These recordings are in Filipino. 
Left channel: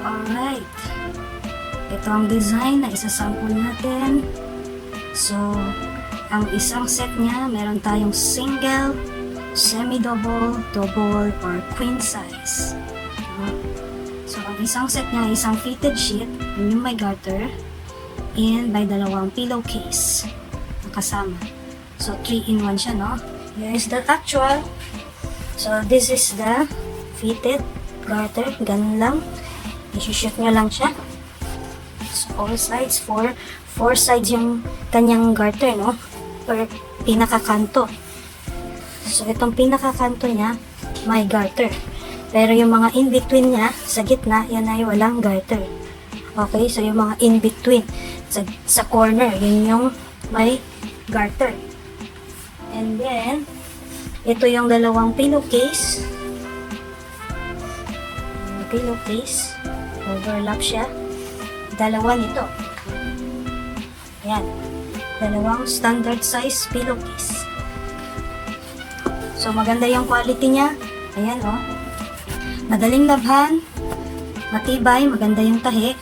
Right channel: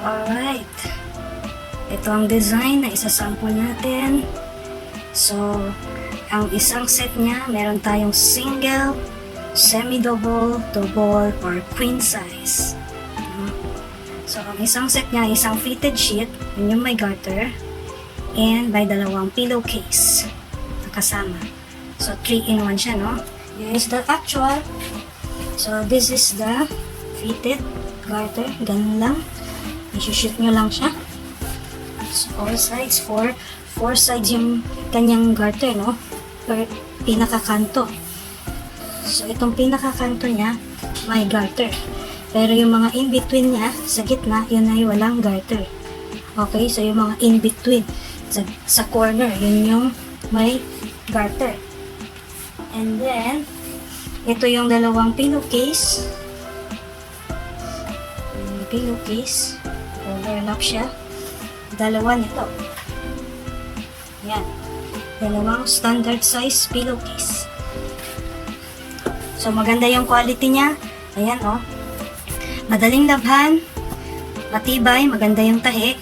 Alright. Ito ang design na isasample natin. So, ang isang set niya, meron tayong single, semi-double, double, or queen size. So, ang isang set niya, isang fitted sheet, yun yung may garter, and may dalawang pillowcase na kasama. So, 3-in-1 siya, no? Here's the actual. So, this is the fitted garter. Ganun lang. I-shoot nyo lang siya. So, all sides, four sides yung kanyang garter, no? Or pinakakanto. So, itong pinakakanto niya, may garter. Pero yung mga in-between niya, sa gitna, yun ay walang garter. Okay? So, yung mga in-between, sa corner, yun yung may garter. And then, ito yung dalawang pillowcase. Pillowcase. Overlap siya. Dalawa nito. Ayan. Dalawang standard size pillowcase. So, maganda yung quality niya. Ayan, oh. Madaling labhan. Matibay. Maganda yung tahi.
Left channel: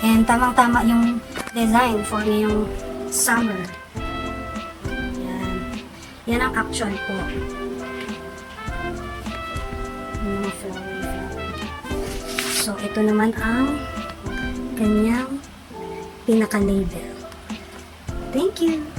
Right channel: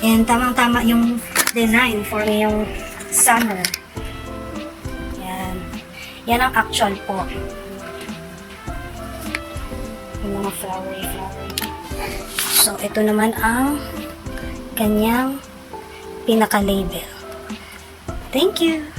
And tamang-tama yung design for yung summer. Ayan. Yan ang actual po. Yung mga flower. So, ito naman ang kanyang pinaka-label. Thank you!